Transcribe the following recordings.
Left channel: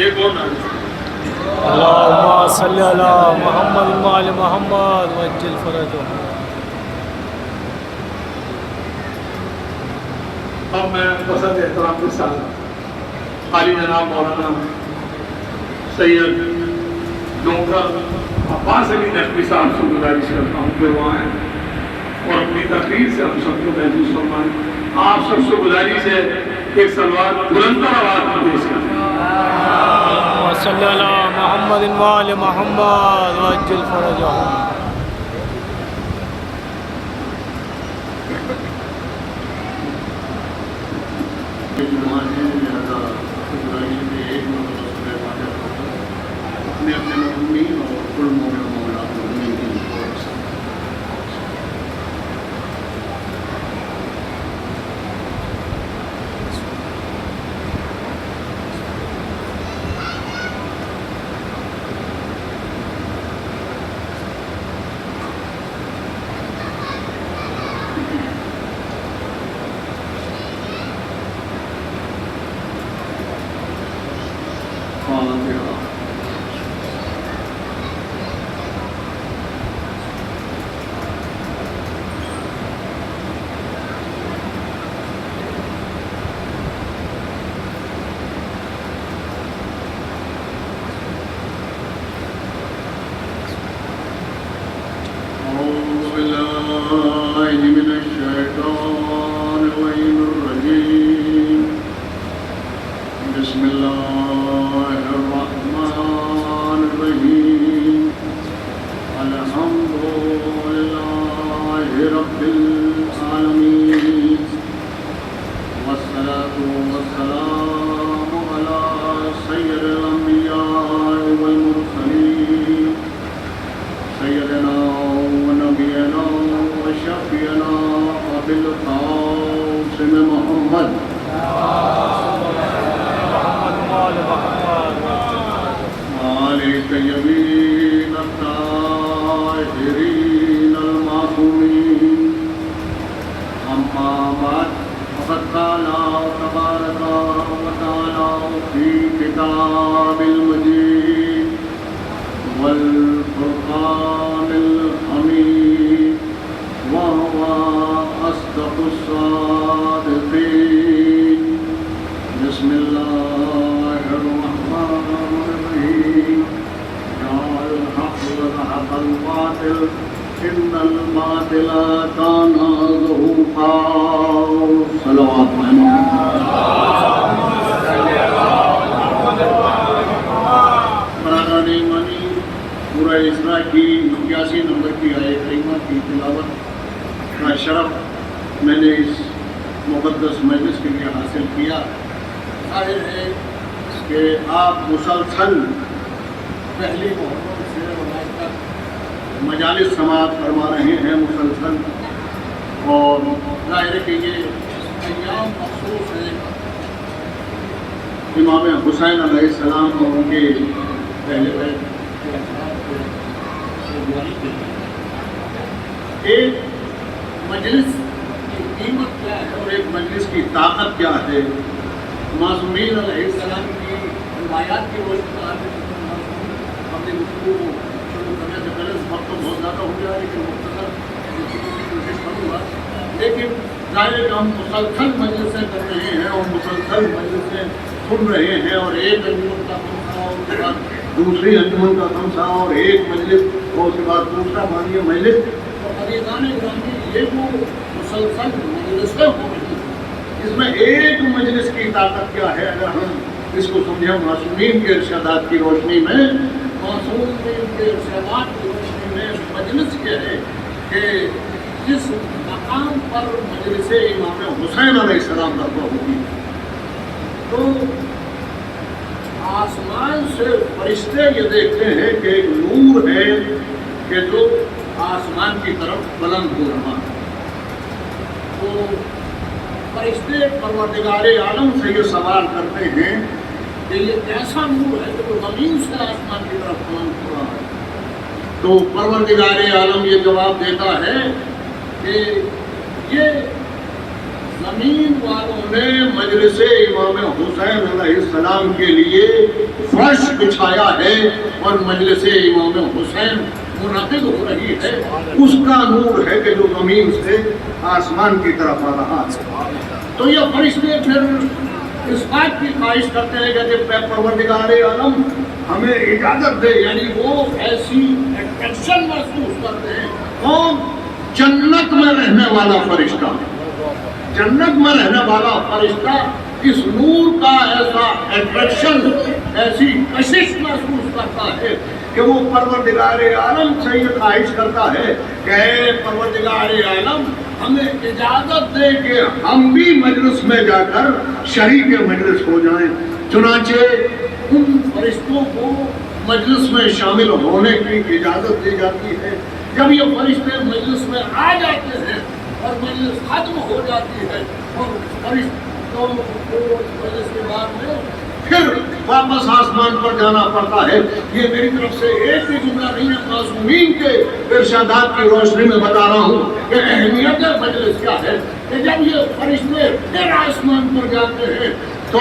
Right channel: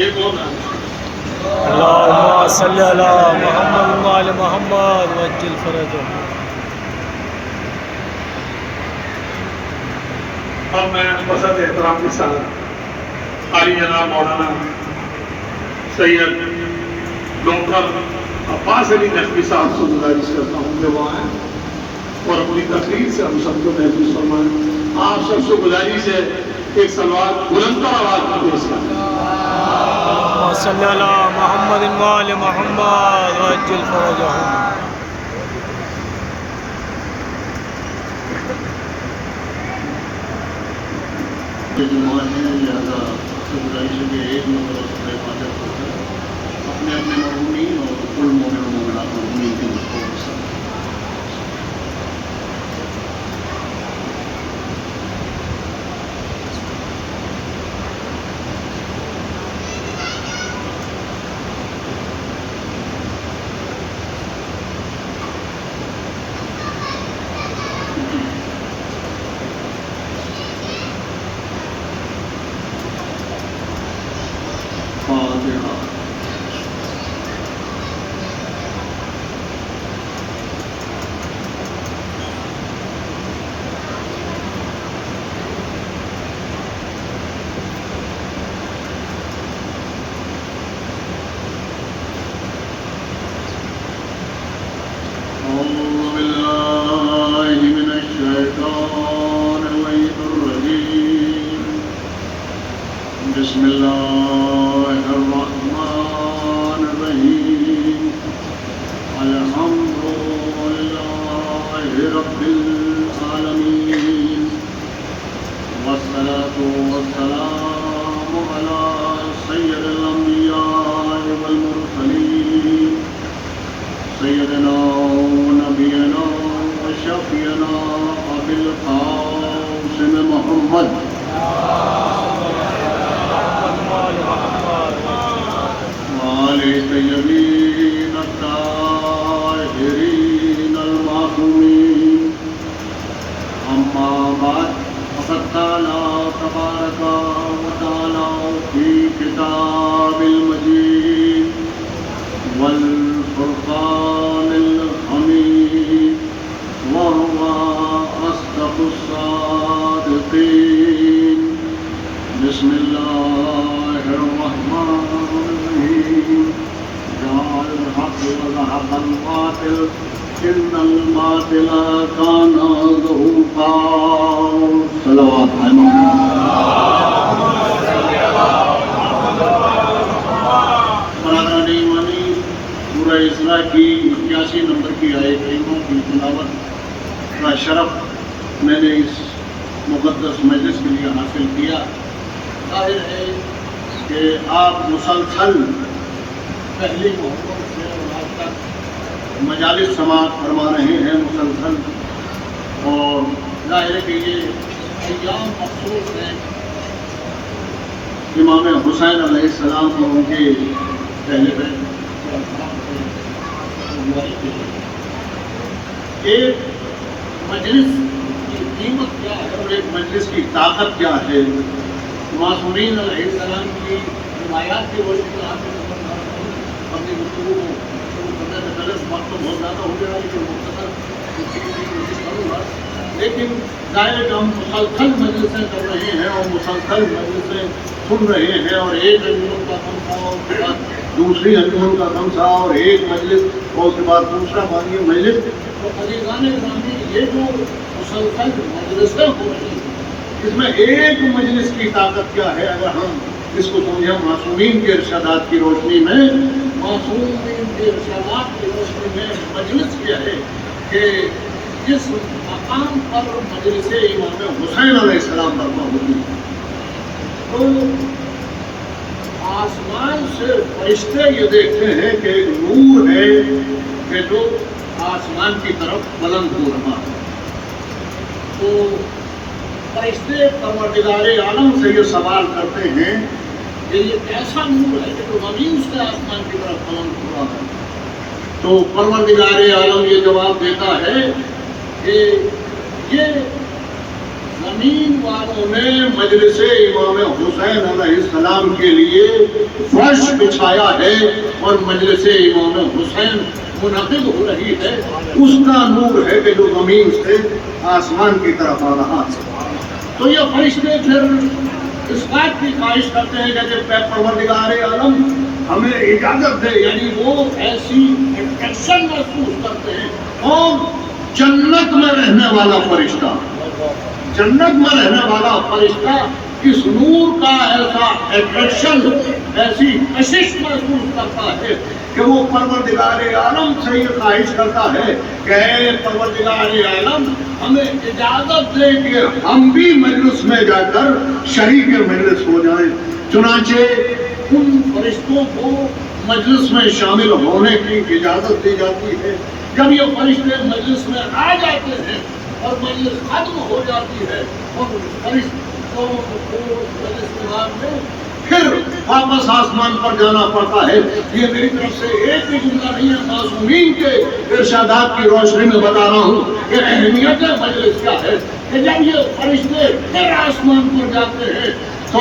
ایک اور نا اللهم صل على محمد وآل محمد وعجل فرجهم. اب میں وسط احترام کے ساتھ عالی جناب مولانا سید ڈونگر عباس علی نقوی صاحب سے گزارش کرتا ہوں کہ وہ آئیں اور اپنی تقریر سے ہم سب کو محفوظ فرمائیں. آپ سب سے گزارش ہے ایک سلوات بلندر آواز میں پیش کریں. اللهم صل على محمد وآل محمد وعجل فرجهم. اپنے اپنے مومنین اور کل مومن و مومنات مومنین کی مدد سے فاتحہ. أعوذ بالله من الشيطان اللعين الرجيم. بسم الله الرحمن الرحيم. الحمد لله رب العالمين والصلاة والسلام على سيد الأنبياء والمرسلين سيدنا ونبينا وشفيعنا أبي القاسم محمد وآل الطيبين الطاهرين المعصومين. أما بعد فقد قال تبارك وتعالى في كتاب المجيد والفرقان الحميد وهو أصدق الصادقين. بسم الله الرحمن الرحيم. جاء الحق وزهق الباطل إن الباطل كان زهوقا. صلوات برادران ایمانی سورہ اسراء کی 81 نمبر کی آیت کریمہ کی تلاوت کا شرف میں نے اس مقدس مجلس کے لیے حاصل کیا. ظاہر ہے کہ آپ مسلسل پہلی محرم سے آج تک مجالس سماعت فرما رہے ہیں مسلسل، اور ظاہر ہے کہ یہ ایام مخصوص ہے امام حسین علیہ السلام اور ان کے پہلے ایک مجلس کی قیمت کیا ہے اور ایک مجلس کی طاقت کیا ہے. معصومین علیہ السلام کی روایات کی روشنی میں آپ اپنی گفتگو کو شروع کرنے سے پہلے وقت تو بہت زیادہ ہو گیا لیکن مختصر کروں گا. لیکن ظاہر ہے کہ ہم مسلسل مجلسیں کر رہے ہیں اور مسلسل مجلسیں سن رہے ہیں، اور ایک انجمن کا خمسہ اور اس کے بعد دوسری انجمن کا خمسہ اور ایک مجلس اور اس کے بعد دوسرا بانی مجلس. اور عزیزان گرامی یہ جو مسلسل مجلسیں ہو رہی ہیں اس میں ایک مجلس کی طاقت کیا ہے اگر ہم اس کو سمجھیں معصومین کے ارشادات کی روشنی میں. معصومین کے ارشادات کی روشنی میں مجلس کیا ہے کہ جس مقام پر مجلس امام حسین علیہ السلام برپا ہوتی ہے تو آسمان سے فرشتے یہ دیکھتے ہیں کہ ایک نور ہے کہ جو آسمان کی طرف بلند ہو رہا ہے. تو فرشتے پروردگار عالم سے یہ سوال کرتے ہیں کہ یہ ایسا نور ہے کہ جو زمین سے آسمان کی طرف بلند ہو رہا ہے. تو پروردگار عالم یہ جواب دیتا ہے کہ یہ زمین والوں نے مجلس امام حسین علیہ السلام کے لیے فرش بچھایا ہے اور مجلس امام حسین منعقد ہو رہی ہے، اس کا نور ہے کہ جو زمین سے آسمان کی طرف آ رہا ہے۔ تو یہ فرشتے پھر اس بات کی خواہش کرتے ہیں کہ پروردگار عالم ہمیں اجازت دے، یعنی وہ ایسی اٹریکشن محسوس کرتے ہیں۔ کون؟ جنت میں رہنے والا فرشتہ، جنت میں رہنے والا فرشتہ اس نور کا ایسا اٹریکشن، ایسی کشش محسوس کرتا ہے کہ وہ پروردگار عالم سے یہ خواہش کرتا ہے کہ اے پروردگار عالم ہمیں اجازت دے کہ ہم بھی مجلس میں جا کر شریک مجلس ہو جائیں۔ چنانچہ ان فرشتوں کو مجلس میں شامل ہونے کی اجازت دی جاتی ہے۔ جب یہ فرشتے مجلس میں آ جاتے ہیں اور مجلس ختم ہو جاتی ہے اور فرشتوں کو مجلس کے بعد میں پھر واپس آسمان پر جانا پڑتا ہے۔ یہ میری طرف سے ایک بھی جملہ نہیں ہے، معصومین کے ارشادات کی روشنی میں بتا رہا ہوں کہ اہمیت مجلس کیا ہے کہ جب یہ فرشتے پھر آسمان پر جاتے ہیں تو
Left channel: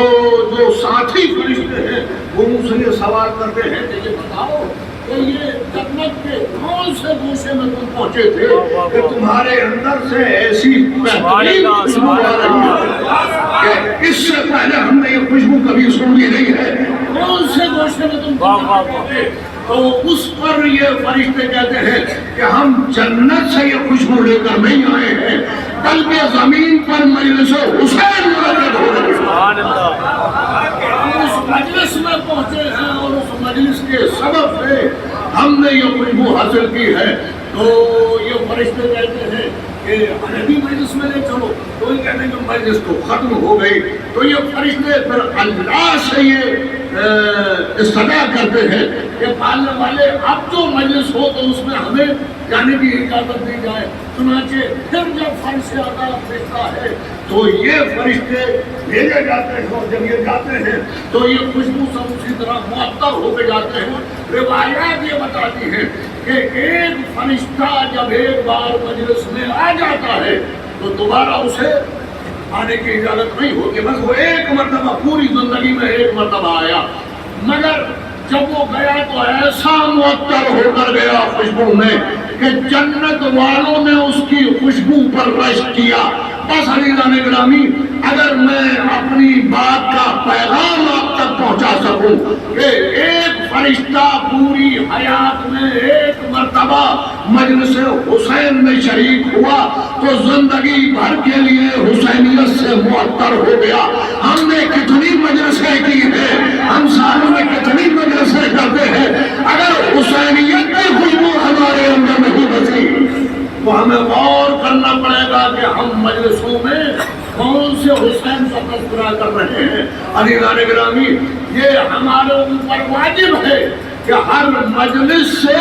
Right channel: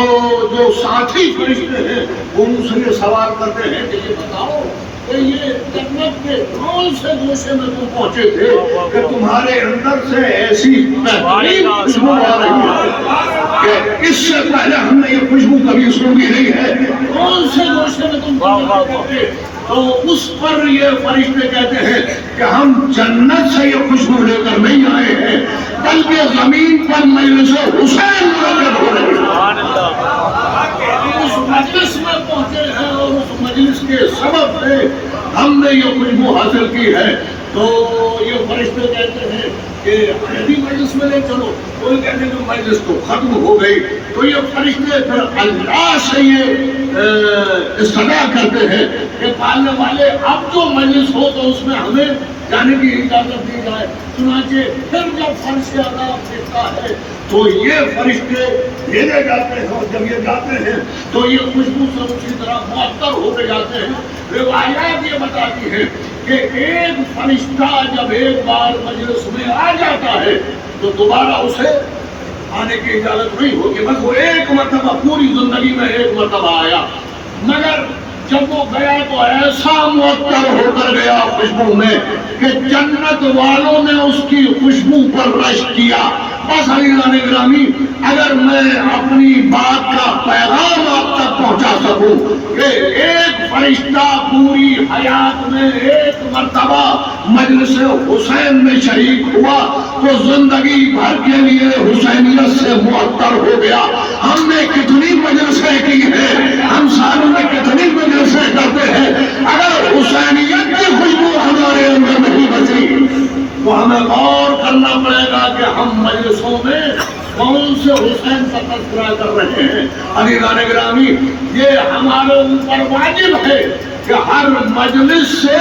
جو ساتھی فرشتے ہیں وہ ان سے یہ سوال کرتے ہیں کہ یہ بتاؤ کہ یہ جنت کے کون سے گوشے میں تم پہنچے تھے کہ تمہارے اندر سے ایسی بہترین خوشبو آ رہی ہے کہ اس سے پہلے ہم نے یہ خوشبو کبھی سنی نہیں ہے، کون سے گوشے میں تم پہنچے تھے؟ تو اس پر یہ فرشتے کہتے ہیں کہ ہم جنت سے یہ خوشبو لے کر نہیں آئے ہیں بلکہ زمین پر مجلس حسین منعقد ہو رہی ہے، اس مجلس میں پہنچے ہیں اور اس مجلس کے سبب سے ہم نے یہ خوشبو حاصل کی ہے۔ تو یہ فرشتے کہتے ہیں کہ ہمیں بھی مجلس میں لے چلو، تو یہ کہتے ہیں کہ مجلس تو ختم ہو گئی۔ تو یہ فرشتے پھر اللہ سے یہ استدعا کرتے ہیں کہ پالنے والے اب جو مجلس ہو تو اس میں ہمیں جانے کی اجازت دی جائے۔ چنانچہ پھر جب فرش عذاب دیکھتا ہے تو یہ فرشتے بھیجے جاتے ہیں اور جب یہ جاتے ہیں تو یہ خوشبو سب اسی طرح معطر ہوتے جاتے ہیں۔ روایات یہ بتاتی ہیں کہ ایک فرشتہ جب ایک بار مجلس میں آ جاتا ہے تو دوبارہ اسے آنے کی اجازت نہیں ہوگی، بس وہ ایک مرتبہ پوری زندگی میں ایک مرتبہ آیا، مگر جب وہ گیا تو ایسا معطر ہو کر گیا خوشبو میں کہ جنت والوں نے اس کی خوشبو پر رشک کیا۔ بس عزیزان گرامی، اگر میں اپنی بات کا پیغام آپ تک پہنچا سکوں کہ ایک فرشتہ پوری حیات میں ایک مرتبہ مجلس حسین میں شریک ہوا تو زندگی بھر کے لیے حسینیت سے معطر ہو گیا۔ ہم نے کتنی مجلسیں کی ہیں، ہم سالوں میں کتنی مجلسیں کرتے ہیں، اگر حسینیت کی خوشبو ہمارے اندر نہیں بچی تو ہمیں غور کرنا پڑے گا کہ ہم مجلسوں میں کون سے حسین کا تذکرہ کر رہے ہیں۔ عزیزان گرامی، یہ ہمارے اوپر واجب ہے کہ ہر مجلس سے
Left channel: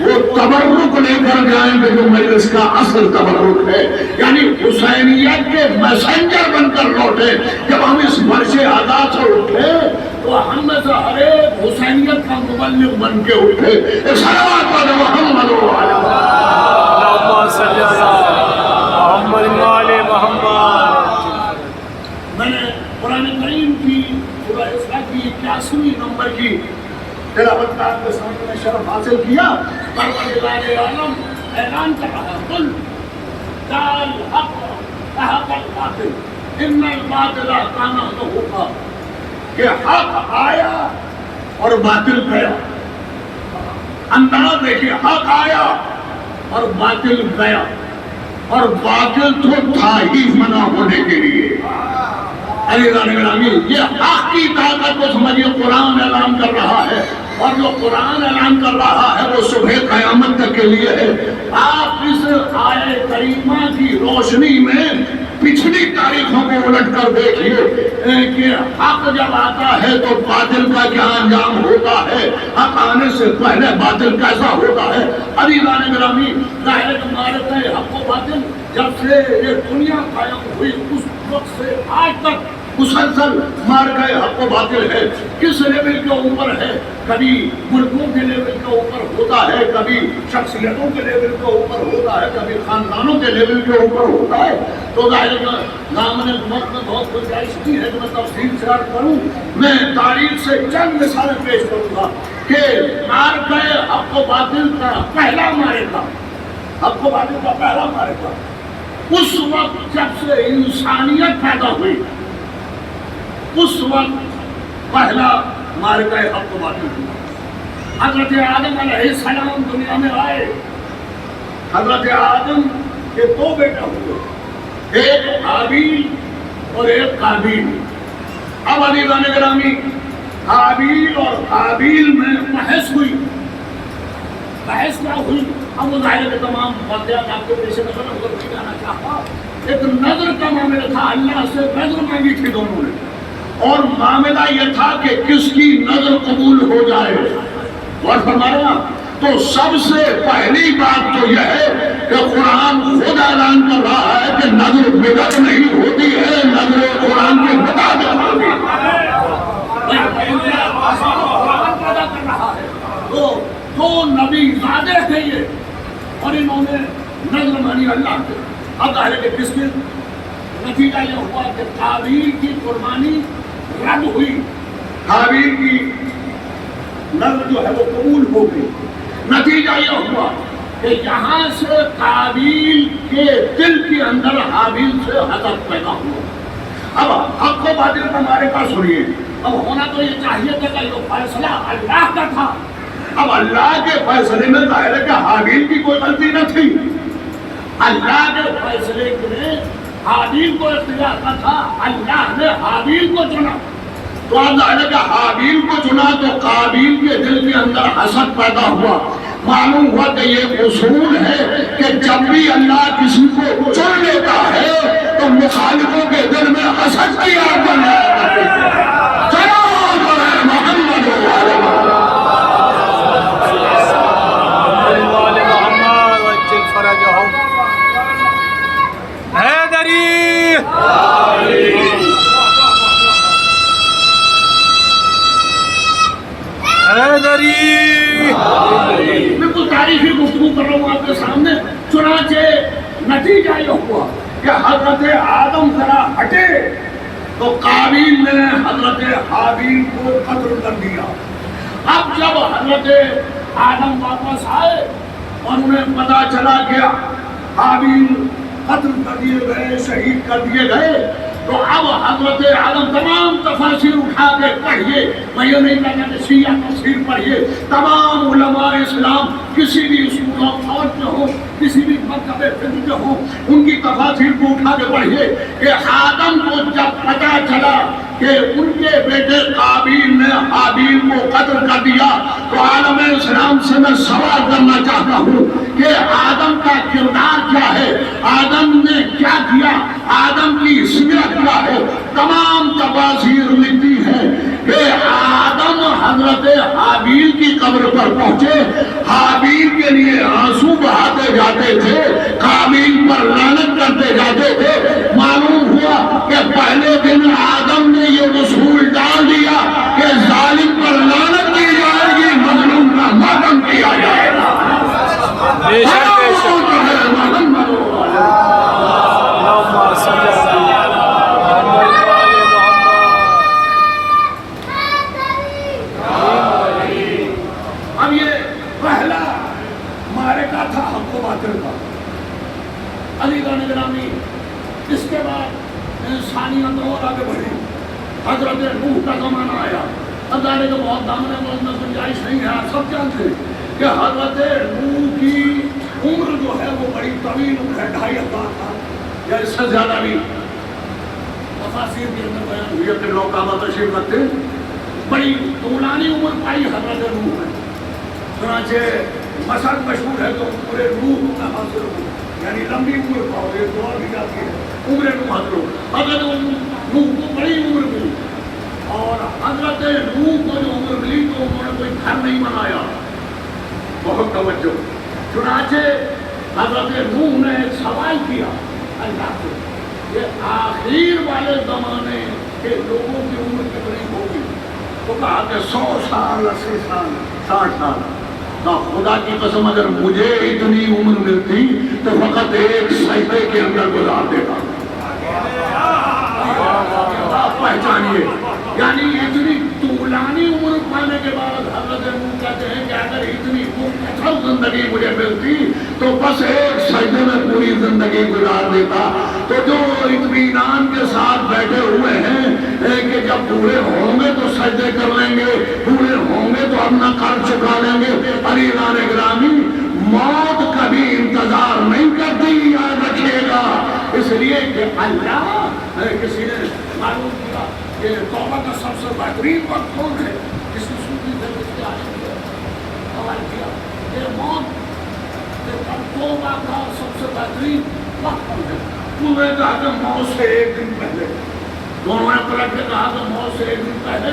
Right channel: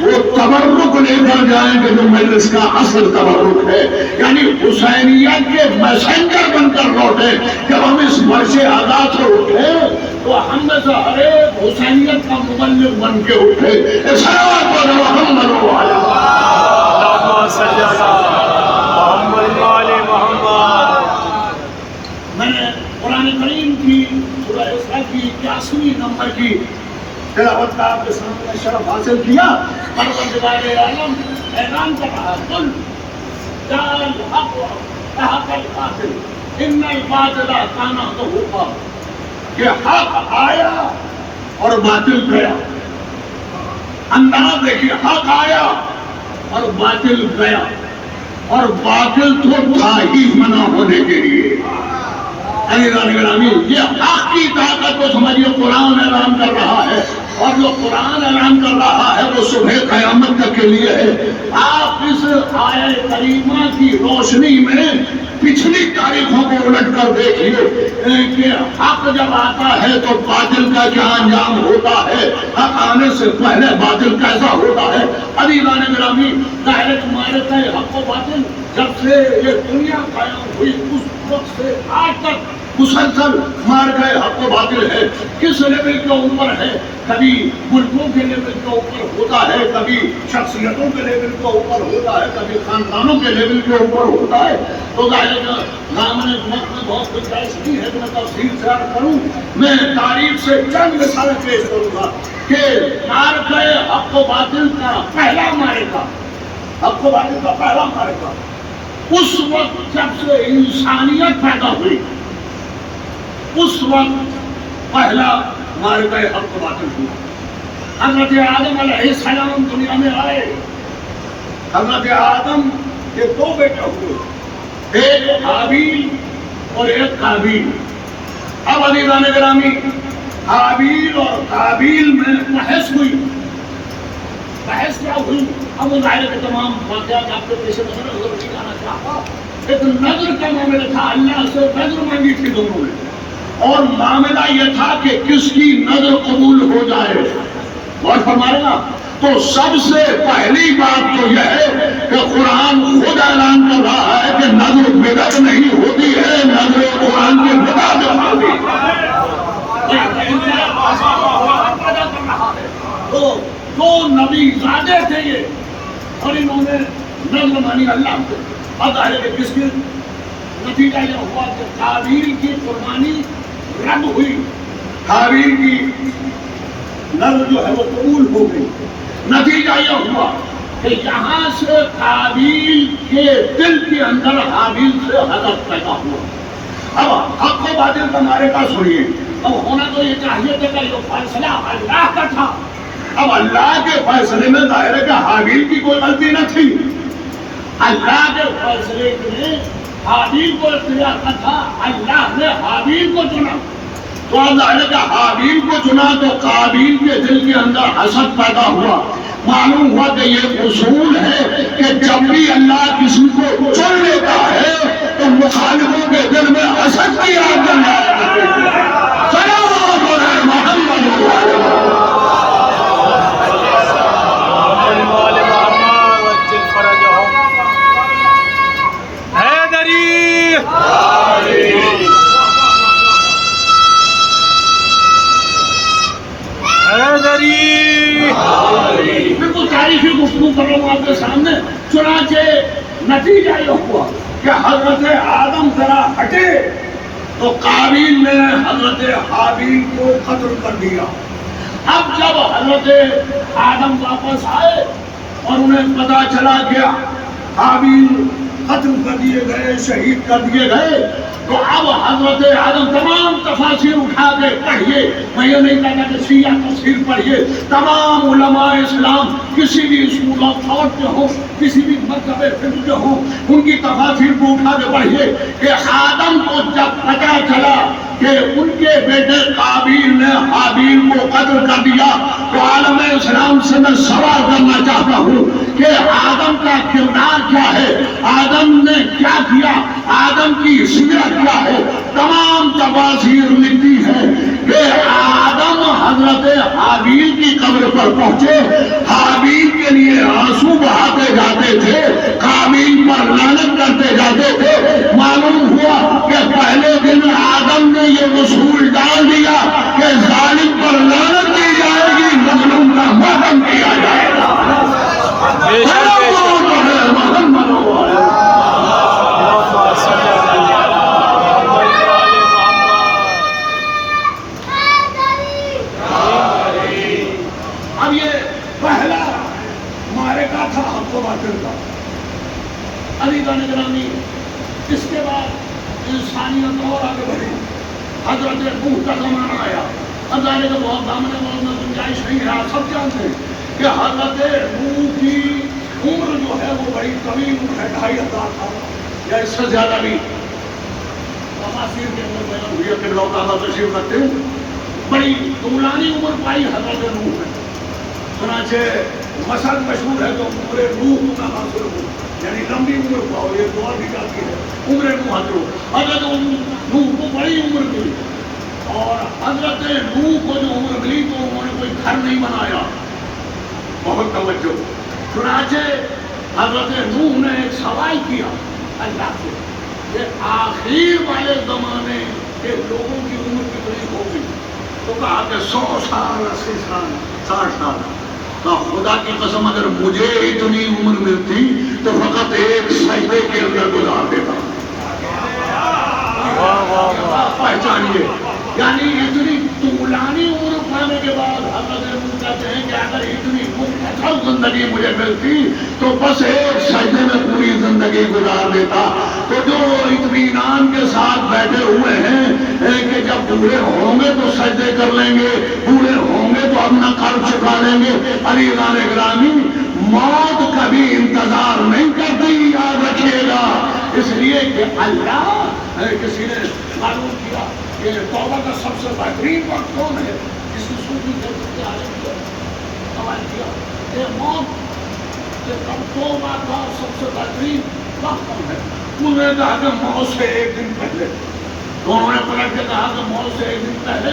وہ تبرک لے کر جائیں کہ جو مجلس کا اصل تبرک ہے، یعنی حسینیت کے میسنجر بن کر لوٹے۔ جب ہم اس فرش عزا سے اٹھے تو ہم میں سے ہر ایک حسینیت کا مبلغ بن کے اٹھے۔ ایک صلوات پڑھیں محمد اللہم صلی علی محمد وآل محمد۔ میں نے قرآن کریم کی سورہ اسراء کی 81 نمبر کی تلاوت کا آپ کے سامنے شرف حاصل کیا۔ پروردگار عالم اعلان کر رہا ہے، قل جاء الحق وزهق الباطل ان الباطل کان زہوقا، کہ حق آیا اور باطل گیا۔ انداز دیکھیے، حق آیا اور باطل گیا، اور باطل تو تھا ہی فنا ہونے کے لیے۔ عزیزان گرامی، یہ حق کی طاقت کو سمجھیے، قرآن اعلان کر رہا ہے، اور جو قرآن اعلان کر رہا ہے وہ صبح قیامت تک کے لیے ہے۔ آپ اس آیت کریمہ کی روشنی میں پچھلی تاریخوں کو الٹ کر دیکھیے کہ حق جب آتا ہے تو باطل کا کیا انجام ہوتا ہے، حق آنے سے پہلے باطل کیسا ہوتا ہے۔ عزیزان گرامی، ظاہر معرکہ حق و باطل جب سے یہ دنیا قائم ہوئی اس وقت سے آج تک مسلسل مار گئے حق و باطل ہے، کس لیول کے اوپر ہے، کبھی ملکوں کے لیول کے اوپر ہوتا ہے، کبھی شخصیتوں کے لیول کے اوپر ہوتا ہے، کبھی خاندانوں کے لیول کے اوپر ہوتا ہے. تو ظاہر ہے نام نے وقت میں بہت گنجائش کی ہے کہ میں تفصیل سے عرض کروں. میں تاریخ سے چند مثالیں پیش کروں گا کہ مار گئے حق و باطل کا پہلا معرکہ، حق و باطل کا پہلا معرکہ اس وقت جب سے انسانیت پیدا ہوئی، اس وقت پہلا معرکہ حق و باطل ہوا. حضرت آدم علیہ السلام دنیا میں آئے. حضرت آدم کے دو بیٹے ہوئے، ایک حابیل اور ایک قابیل. اب عزیزان گرامی، حابیل اور قابیل میں بحث ہوئی. بحث کیا ہوئی؟ اب وہ ظاہر کے تمام واقعات آپ کے پیش نظر ادھر نہیں جانا چاہتا. ایک نظر کا معاملہ تھا، اللہ سے نظر مانگی تھی دونوں نے، اور معاملہ یہ تھا کہ کس کی نظر قبول ہو جائے. اور فرمایا تو سب سے پہلی بات تو یہ ہے کہ قرآن خود اعلان کر رہا ہے کہ نظر بدعت نہیں ہوتی ہے، نظر قرآن کی بدعت ہوتی ہے. پیدا کر رہا ہے. تو دو نبی زادے تھے یہ، اور انہوں نے نظر مانی اللہ کو. اب ظاہر ہے کہ کس کے نتیجہ یہ ہوا کہ قابیل کی قربانی رد ہوئی، حابیل کی نظر جو ہے وہ قبول ہو گئی. نتیجہ یہ ہوا کہ یہاں سے قابیل کے دل کے اندر حابیل سے حسد پیدا ہوا. اب حق و باطل کا معرکہ سنیے. اب ہونا تو یہ چاہیے تھا کہ یہ فیصلہ اللہ کا تھا. اب اللہ کے فیصلے میں ظاہر ہے کہ حابیل کی کوئی غلطی نہ تھی. اللہ کے فیصلے میں حابیل کو اختیار نہ تھا، اللہ نے حابیل کو چنا. تو اب ظاہر ہے کہ حابیل کو چنا تو قابیل کے دل کے اندر حسد پیدا ہوا. معلوم ہوا کہ یہ اصول ہے کہ جب بھی اللہ کسی کو چن لیتا ہے تو مخالفوں کے دل میں حسد کی آگ بنا دیتے ہیں. سلام علیہ محمد بالکل تاریخی گفتگو کر رہا ہوں آپ کے سامنے. چنانچہ نتیجہ یہ ہوا کہ حضرت آدم ذرا ہٹے تو قابیل نے حضرت حابیل کو قتل کر دیا. اب جب حضرت آدم واپس آئے اور انہیں پتا چلا کہ حابیل قتل کر دیے گئے، شہید کر دیے گئے، تو اب حضرت آدم تمام تفاسیر اٹھا کے پڑھیے. میں یہ نہیں کہتا کہ شیعہ تفسیر پڑھیے، تمام علماء اسلام کسی بھی اسکول آف تھاٹ میں ہو، کسی بھی مکتب فکر میں ہو، ان کی تفاسیر کو اٹھا کے پڑھیے کہ آدم کو جب پتا چلا کہ ان کے بیٹے قابیل نے حابیل کو قتل کر دیا تو عالم اسلام سے میں سوال کرنا چاہتا ہوں کہ آدم کا کردار کیا ہے، آدم نے کیا کیا، آدم کی سیرت کیا ہے. تمام تفاسیر لکھتی ہے کہ آدم حضرت حابیل کی قبر پر پہنچے، حابیل کے لیے آنسو بہاتے جاتے تھے، قابیل پر لعنت کرتے جاتے تھے. معلوم ہوا کہ پہلے دن آدم نے یہ اصول ڈال دیا کہ ظالم پر لعنت کی جائے گی، مظلوم کا ماتم کیا جائے گا. اب یہ پہلا معرکہ تھا حق و باطل کا. عزیزان گرامی، اس کے بعد انسانیت اور آگے بڑھی. حضرت نوح کا زمانہ آیا. اب جانے کے بہت دامنے موت میں گنجائش نہیں ہے. آپ سب جانتے ہیں کہ حضرت نوح کی عمر جو ہے وہ بڑی طویل عمر ہے، 2500 سال یا اس سے زیادہ بھی. تفاسیر کے اندر بیان ہوئی ہے کہ لوگ کعبہ تشریف رکھتے ہیں، بڑی طولانی عمر پائی حضرت نوح نے. چنانچہ مثل مشہور ہے تو عمر نوح نہ حاصل ہو، یعنی لمبی عمر پاؤ. یہ دعا بھی جاتی ہے عمر نوح حاصل ہو. حضرت نوح کو بڑی عمر ملی، اور حضرت نوح کو جو عمر ملی تو انہوں نے کوئی گھر نہیں بنایا. بہت توجہ. چنانچہ حضرت نوح نے ایک سوال کیا اللہ سے کہ آخر والے زمانے کہ لوگوں کی عمر کتنی ہوگی؟ تو کہا کہ 100 سال 80 سال 60 سال. خدا کی قسم اگر مجھے اتنی عمر ملتی تو فقط ایک سجدے کے اندر گزار دیتا. پہچانیے، یعنی اتنی طولانی عمر پانے کے بعد حضرت نوح کہتے ہیں کہ اگر اتنی مختصر زندگی مجھے ملتی تو بس ایک سجدے میں پوری زندگی گزار دیتا. تو جو اطمینان کے ساتھ بیٹھے ہوئے ہیں کہ جب بوڑھے ہوں گے تو سجدے کر لیں گے، بوڑھے ہوں گے تو اپنا قرض چکا لیں گے. عزیزان گرامی، موت کبھی انتظار نہیں کرتی، یاد رکھیے گا. اس لیے کہ اللہ، کسی نے معلوم کیا کہ توبہ کا سب سے بہترین وقت کون ہے؟ کسی صوفی نے اس کے عالم کیا سوال کیا کہ موت سے توبہ کا سب سے بہترین وقت کون ہے؟ انہوں نے کہا کہ موت سے ایک دن پہلے. دونوں نے پلٹ کے کہا کہ موت سے ایک دن پہلے.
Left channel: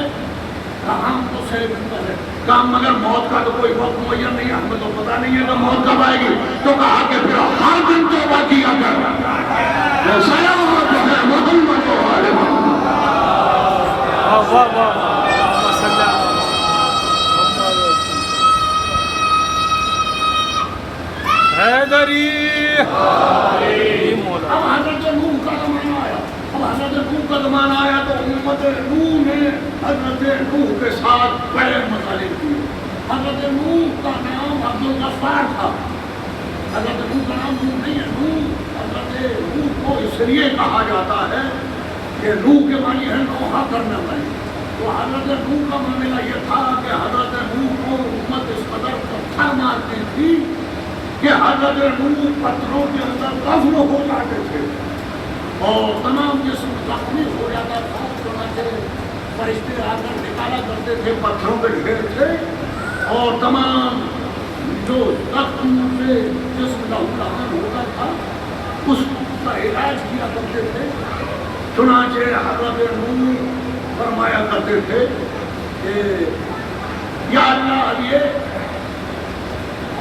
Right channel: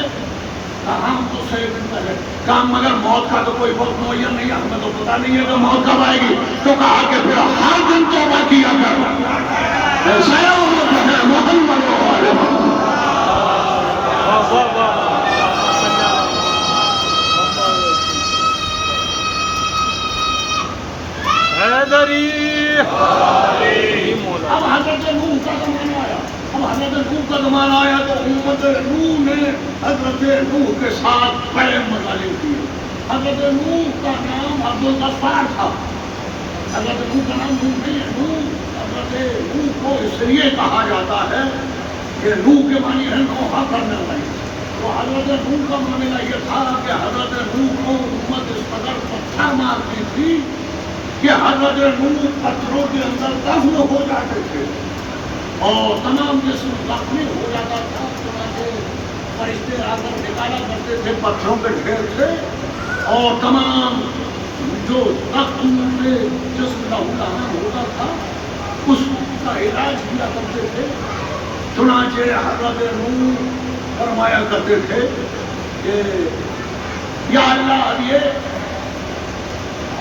کہاں تو سے ایک دن پہلے. کہا مگر موت کا تو کوئی وقت معین نہیں ہے، ہمیں تو پتا نہیں ہے کہ موت کب آئے گی. تو کہا کہ پھر ہر دن توبہ کیا کر. اب حضرت نوح کا زمانہ آیا. اب حضرت نوح کا زمانہ آیا تو امت نوح نے حضرت نوح کے ساتھ بڑے مطالب کیے. حضرت نوح کا نام عبدالغفار تھا. حضرت نوح کا نام نوح نہیں ہے. نوح حضرت نوح کو اس لیے کہا جاتا ہے کہ نوح کے معنی ہے نوحہ کرنے والی. تو حضرت نوح کا معاملہ یہ تھا کہ حضرت نوح کو امت اس قدر پتھر مارتی تھی کہ حضرت نوح پتھروں کے اندر دفن ہو جاتے تھے اور تمام جسم زخمی ہو جاتا تھا. چنانچہ فرشتے آ کر نکالا کرتے تھے، پتھروں کے ڈھیر تھے اور تمام جو زخم سے جسم لہولہان ہوتا تھا اس کا علاج کیا کرتے تھے. چنانچہ حضرت نوح فرمایا کرتے تھے کہ یا اللہ، یہ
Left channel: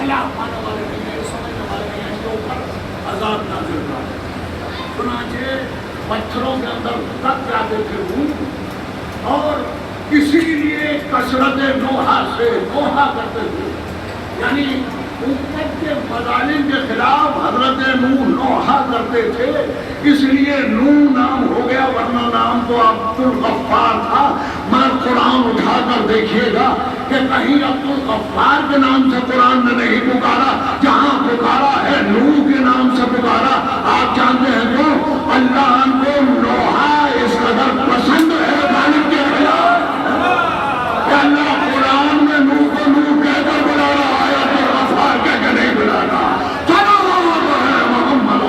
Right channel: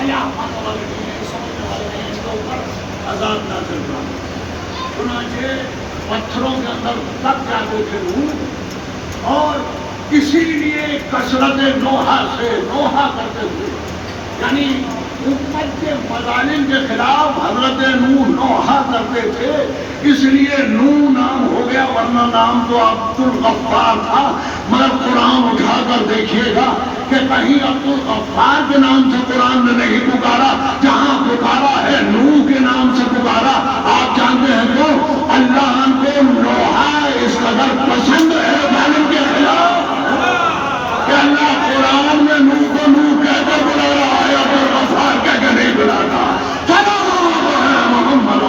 اللہ پانے والے نہیں ہیں، سمجھنے والے نہیں ہیں، اس کے اوپر عذاب نازل کرو. چنانچہ پتھروں کے اندر دب جاتے تھے نوح اور اسی لیے کثرت نوحہ سے نوحہ کرتے تھے. یعنی امت کے مظالم کے خلاف حضرت نوح نوحہ کرتے تھے، اس لیے نوح نام ہو گیا، ورنہ نام تو عبدالغفار تھا. مگر قرآن اٹھا کر دیکھیے گا کہ کہیں عبدالغفار کے نام سے قرآن نے نہیں پکارا، جہاں پکارا ہے نوح کے نام سے پکارا. آپ جانتے ہیں جو اللہ کو نوحہ اس قدر پسند ہے ظالم کے خلاف کہ اللہ قرآن میں نوح کو نوح کہہ کر بلا رہا ہے، عبدالغفار کہہ کے نہیں بلا رہا. چلو محمد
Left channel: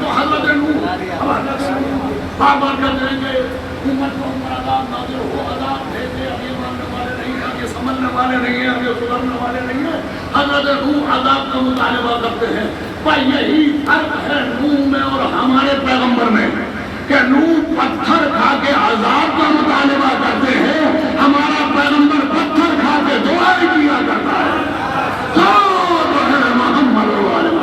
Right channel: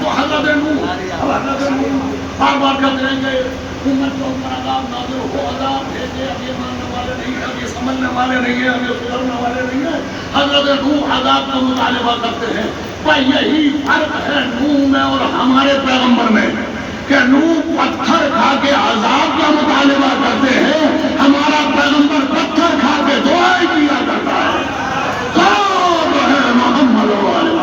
تو حضرت نوح اب حضرت نوح بار بار کہتے ہیں کہ امت کو اوپر عذاب نازل ہو، عذاب بھیجے. اب یہ ماننے والے نہیں ہیں، اب یہ سمجھنے والے نہیں ہیں، اب یہ سدھرنے والے نہیں ہیں. حضرت نوح عذاب کا مطالبہ کرتے ہیں. بھائی یہی فرق ہے نوح میں اور ہمارے پیغمبر میں کہ نوح پتھر کھا کے عذاب کا مطالبہ کرتے ہیں، ہمارا پیغمبر پتھر کھا کے دعائیں کیا کرتا ہے. جو ہے محمد والے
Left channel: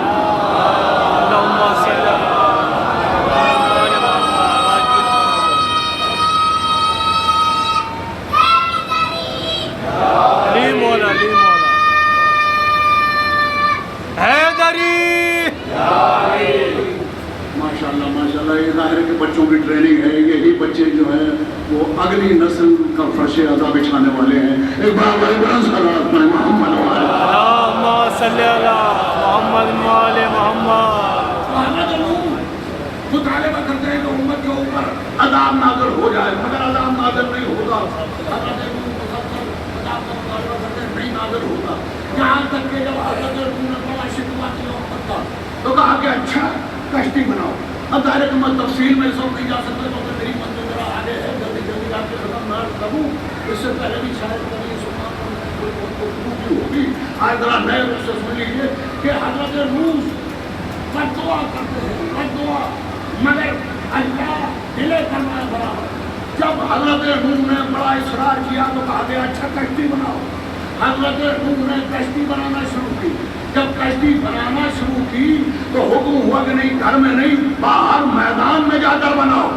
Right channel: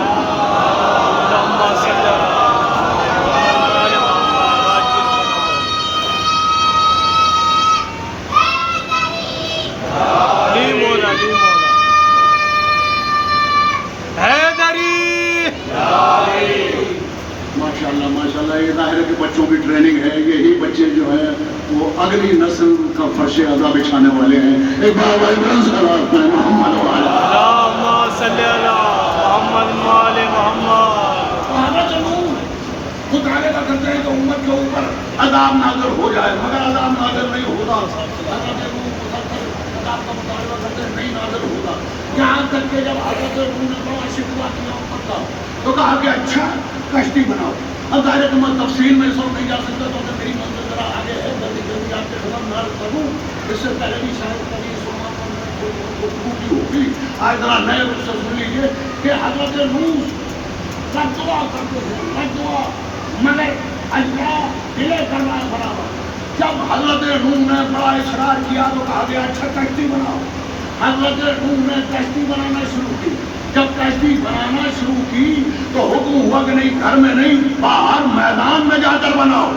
ماشاءاللہ. یہ ظاہر ہے کہ بچوں کی ٹریننگ ہے. یہی بچے جو ہیں وہ اگلی نسل کا فرش ادا بچھانے والے ہیں. ایک بار محمد صلی اللہ محمد محمد. حضرت نوح مطالبہ کرتے ہیں کہ امت کے اوپر عذاب نازل ہو جائے، مگر عذاب نازل نہیں ہوتا. حضرت نوح مسلسل عذاب کا مطالبہ کرتے ہیں، نہیں نازل ہوتا. یہاں تک کہ جب حضرت نوح نے بڑا شکوہ کیا امت کا تو کہا کہ اچھا کشتی بناؤ. اب ظاہر ہے کہ میں تفصیل میں سب نہیں جا سکتا تو کہ میری منزل ذرا آگے ہے، جلدی جلدی آپ کے ختم نہ کروں. اس سے پہلے بھی شاید کبھی سلمان کو بھی ہوگی. آج ذرا نئے رخ سے سن لیجیے کہ حضرت نوح بد دعا کرتے ہیں، بد دعا، مگر اللہ ڈیلے کرنا ہے برابر. جب حضرت نوح نے بڑا اصرار کیا تو کہا گیا اچھا کشتی بناؤ. حضرت نوح نے کشتی بنانا شروع کی. جب کشتی بنانا شروع کی تو حکم ہوا کہ نہیں گھر میں نہیں باہر میدان میں جا کر بناؤ.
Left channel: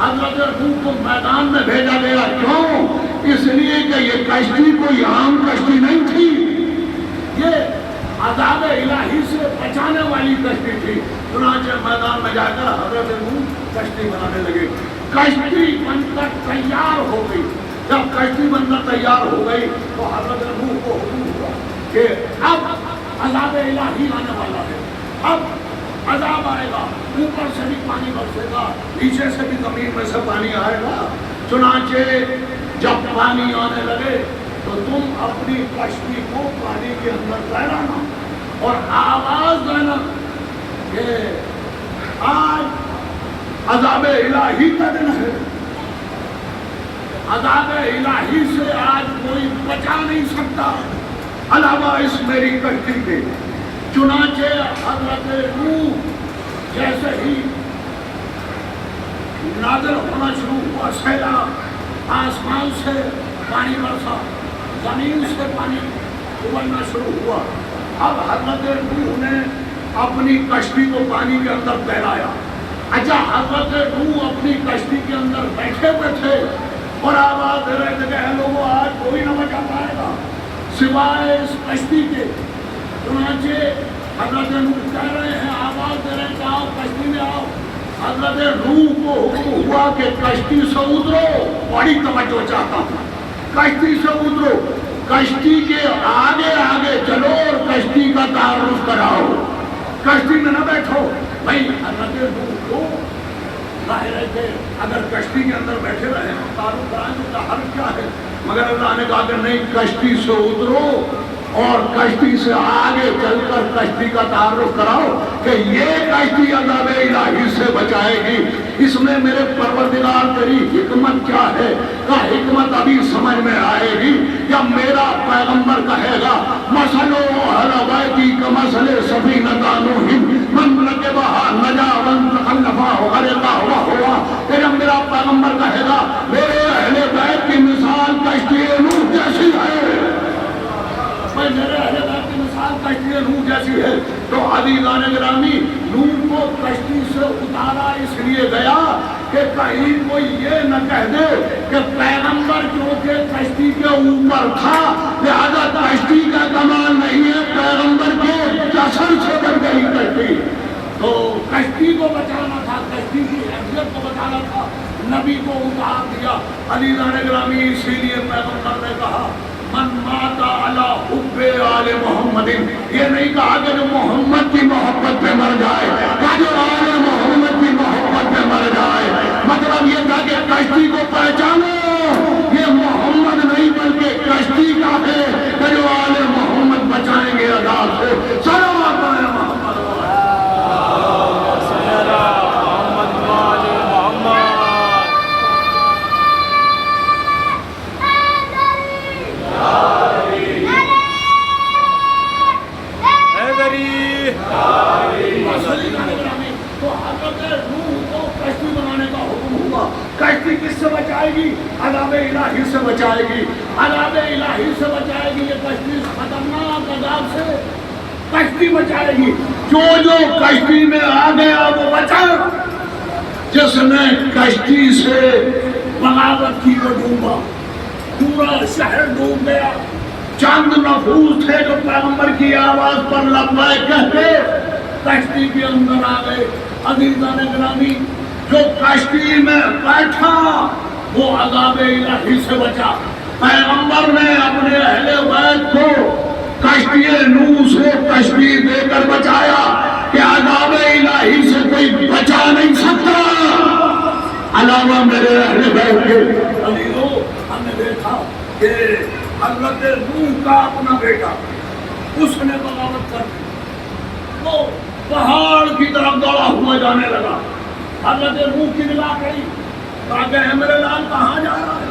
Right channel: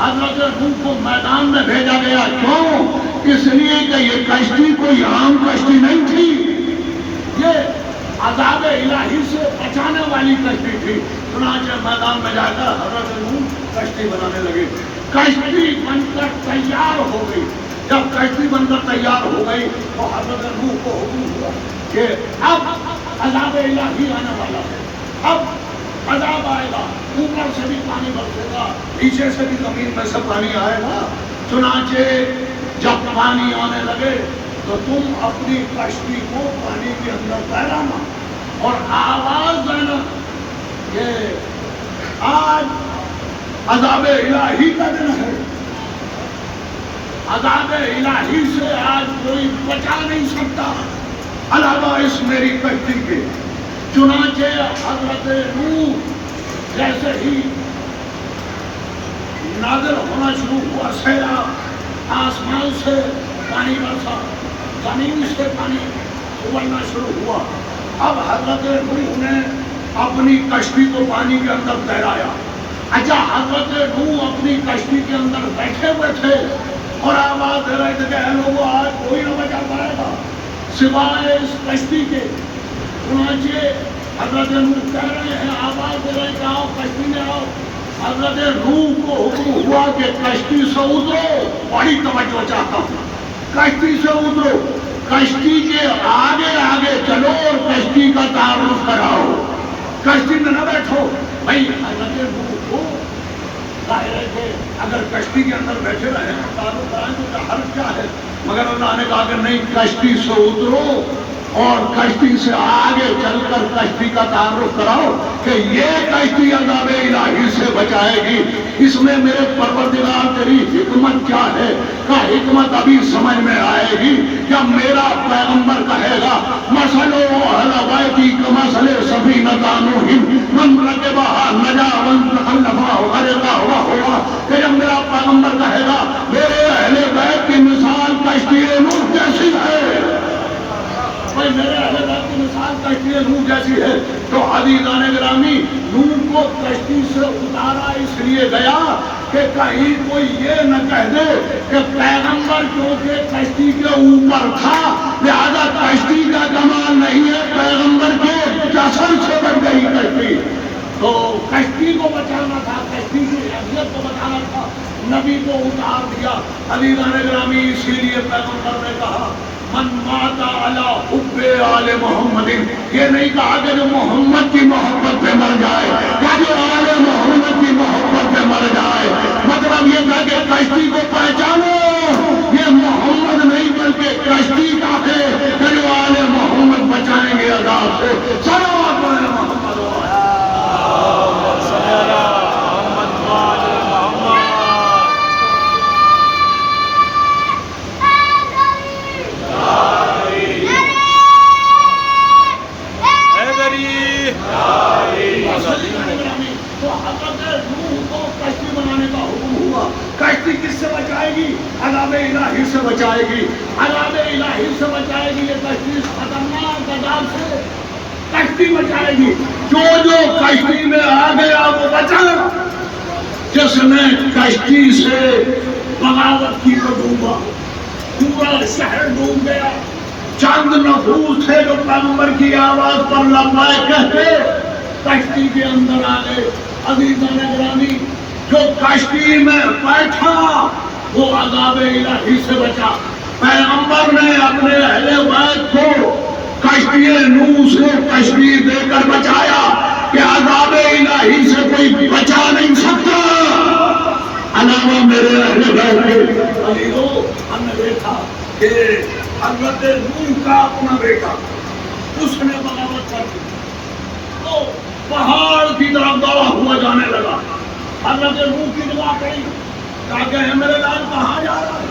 حضرت نوح کو میدان میں بھیجا گیا. کیوں؟ اس لیے کہ یہ کشتی کوئی عام کشتی نہیں تھی، یہ عذاب الہی سے بچانے والی کشتی تھی. چنانچہ میدان میں جا کر حضرت نوح کشتی بنانے لگے. کشتی بن کر تیار ہو گئی. جب کشتی بن کر تیار ہو گئی تو حضرت نوح کو حکم ہوا کہ اب عذاب الہی آنے والا ہے، اب عذاب آئے گا، اوپر سے بھی پانی برسے گا، نیچے سے بھی زمین میں سے پانی آئے گا. چنانچہ جب پانی آنے لگے تو تم اپنی کشتی کو پانی کے اندر تیرانا اور آواز دینا کہ آج عذاب الہی کا دن ہے، عذاب الہی سے آج کوئی بچا نہیں سکتا علاوہ اس میری کشتی کے. چنانچہ حضرت نوح جیسے ہی نازل ہونا شروع ہوا، سیلاب، آسمان سے پانی برسا، زمین سے پانی ابلنا شروع ہوا. اب حضرت نوح نے اپنی کشتی کو پانی کے اندر تیرایا. اچھا، حضرت نوح اپنی کشتی کے اندر بیٹھے ہوئے تھے اور آواز دے رہے تھے کہ اے لوگوں، آج کوئی نہ بچا پائے گا سوائے اس کشتی کے. چنانچہ حضرت نوح کہہ رہے ہیں، آواز دے رہے ہیں کہ آؤ کشتی میں آؤ. حضرت نوح کو حکم ہوا کہ کشتی سے اترو. بڑی توجہ چاہتا ہوں، کشتی سے اترو، کشتی کے آگے آگے چلو اور کشتی کا تعارف کراؤ، کشتی میں نہ بیٹھو. بھائی حضرت نوح کو ظاہر ہے کہ اگر کشتی کے اندر بیٹھے رہے تعارف کرائیں تو حرج کیا ہے، مگر اللہ نے کہا کہ نہیں، کشتی سے اترو اور کشتی سے آگے چل کر کشتی کا تعارف کراؤ کہ یہ کشتی عذاب الہی سے بچائے گی. اس میں میرے پروردگار تیری حکمت کیا ہے؟ کا حکمت ابھی سمجھ میں آئے گی جب میرا پیغمبر کہے گا مثل اہل بیتی کمثل سفینۃ نوح من رکبها نجا ومن تخلفها غرق وهو. کہ جب میرا پیغمبر کہے گا میرے اہل بیت کی مثال کشتی نوح جیسی ہے، میرے اہل بیت کی مثال کشتی نوح جیسی ہے، تو عزیزان گرامی نوح کو کشتی سے اتارا اس لیے گیا کہ کہیں کوئی یہ نہ کہہ دے کہ پیغمبر کیونکہ کشتی کے اوپر تھا لہذا کشتی کا کمال نہیں ہے، پیغمبر کے جسر سے بچ گئی کشتی. تو کشتی کو بچانا تھا، کشتی کی حیثیت کو بچانا تھا، نبی کو اتار دیا. عزیزان گرامی اسی لیے پیغمبر نے کہا من مات علی حب آل محمد. یہ نہیں کہا کہ جو محمد کی محبت پہ مر جائے، کہ جو آل محمد کی محبت پہ مر جائے. مطلب یہ تھا کہ کشتی کو پہچانو، یہ محمد نہیں بلکہ کشتی کا ہے کہ جو آل محمد بچائیں گے عذاب سے. صلوات علی محمد. تو حضرت نوح کو کشتی بنانے کا حکم ہوا. کشتی کس سے بچائے گی؟ عذاب الہی سے بچائے گی، عذاب الہی سے بچائے گی. یہ کشتی خطرناک عذاب سے کشتی بچائے گی. جو کشتی میں آ گیا وہ بچا، جس نے کشتی سے بغاوت کی وہ ڈوبا، پورا شہر ڈوب گیا. چند نفوس تھے جو پیغمبر کی آواز پر لبیک کہتے کشتی کے اندر آ گئے. عزیزان گرامی جو کشتی میں بیٹھا وہ عذاب الہی سے بچا. پیغمبر نے اپنے اہل بیت کو کشتی نوح سے تشبیہ دے کر بچایا کہ عذاب الہی سے کوئی بچا نہیں سکتا علاوہ میرے اہل بیت کے. عزیزو، ہم نے دیکھا کہ حضرت نوح کا اپنا بیٹا اس نے بغاوت کر دی تو پہاڑ کی طرف دوڑا ہوا جانے لگا. حضرت نوح کی نگاہ پڑی، کہا کہ اے میرے لال کہاں جا رہا ہے؟